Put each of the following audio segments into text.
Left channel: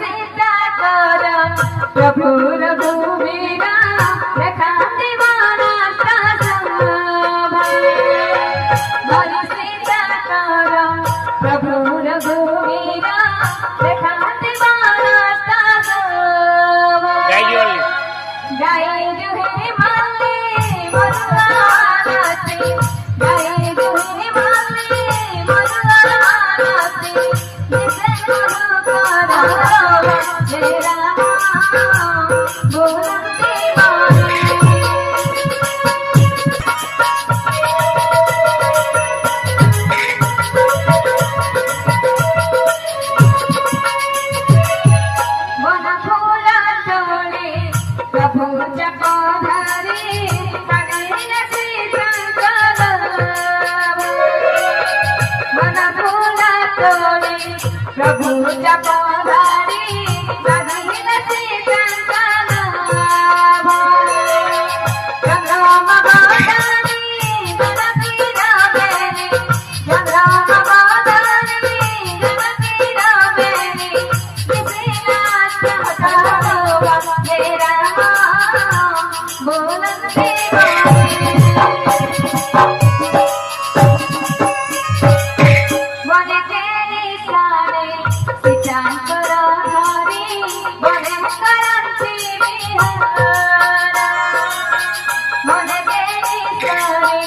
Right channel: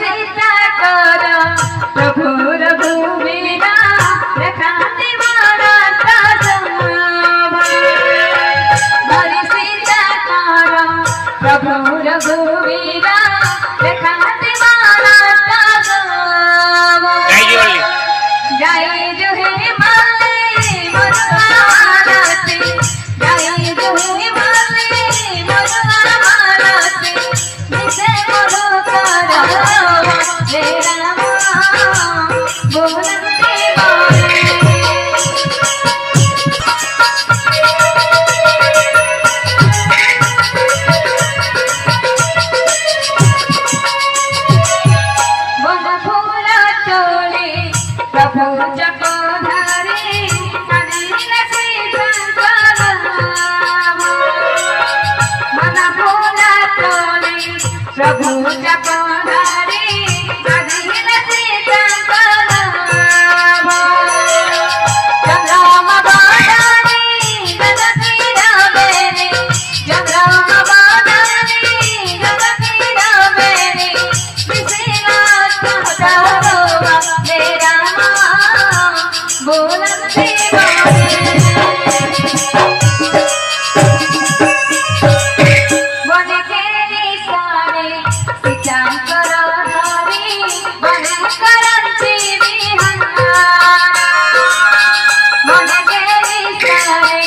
सीता कर प्रभु रघुवीरा रखाते मानता हरि सीता कर प्रभु रघुवीरा रखाते मानता जय जुहे माले मरुआरती जय जुहे माले मरुआरती विषय मरु कर हे राम बोलते प्रभु जगधारी कनैल मन भोला तोले प्रभु जगधारी कनैल जगराम बादानी जगती रामेरे जगराम बादानी जगती रामेरे विश्वनाथ करो मेरा बोलते बन के निशाने सिचा कर धारी बन करंती विहारा बन के निशाने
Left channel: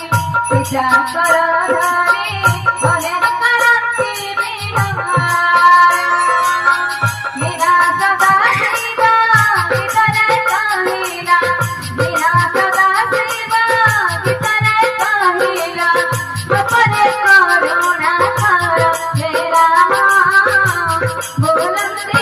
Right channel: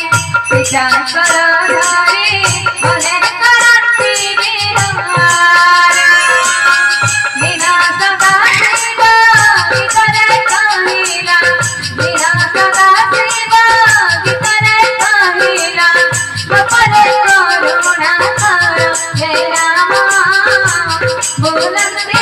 सिचा कर धारी बन करंती विहारा बिना सदा सीता इतर काहिला बिना सदा सीता इतर काहिला अपने करुणा कर हे राम बोलते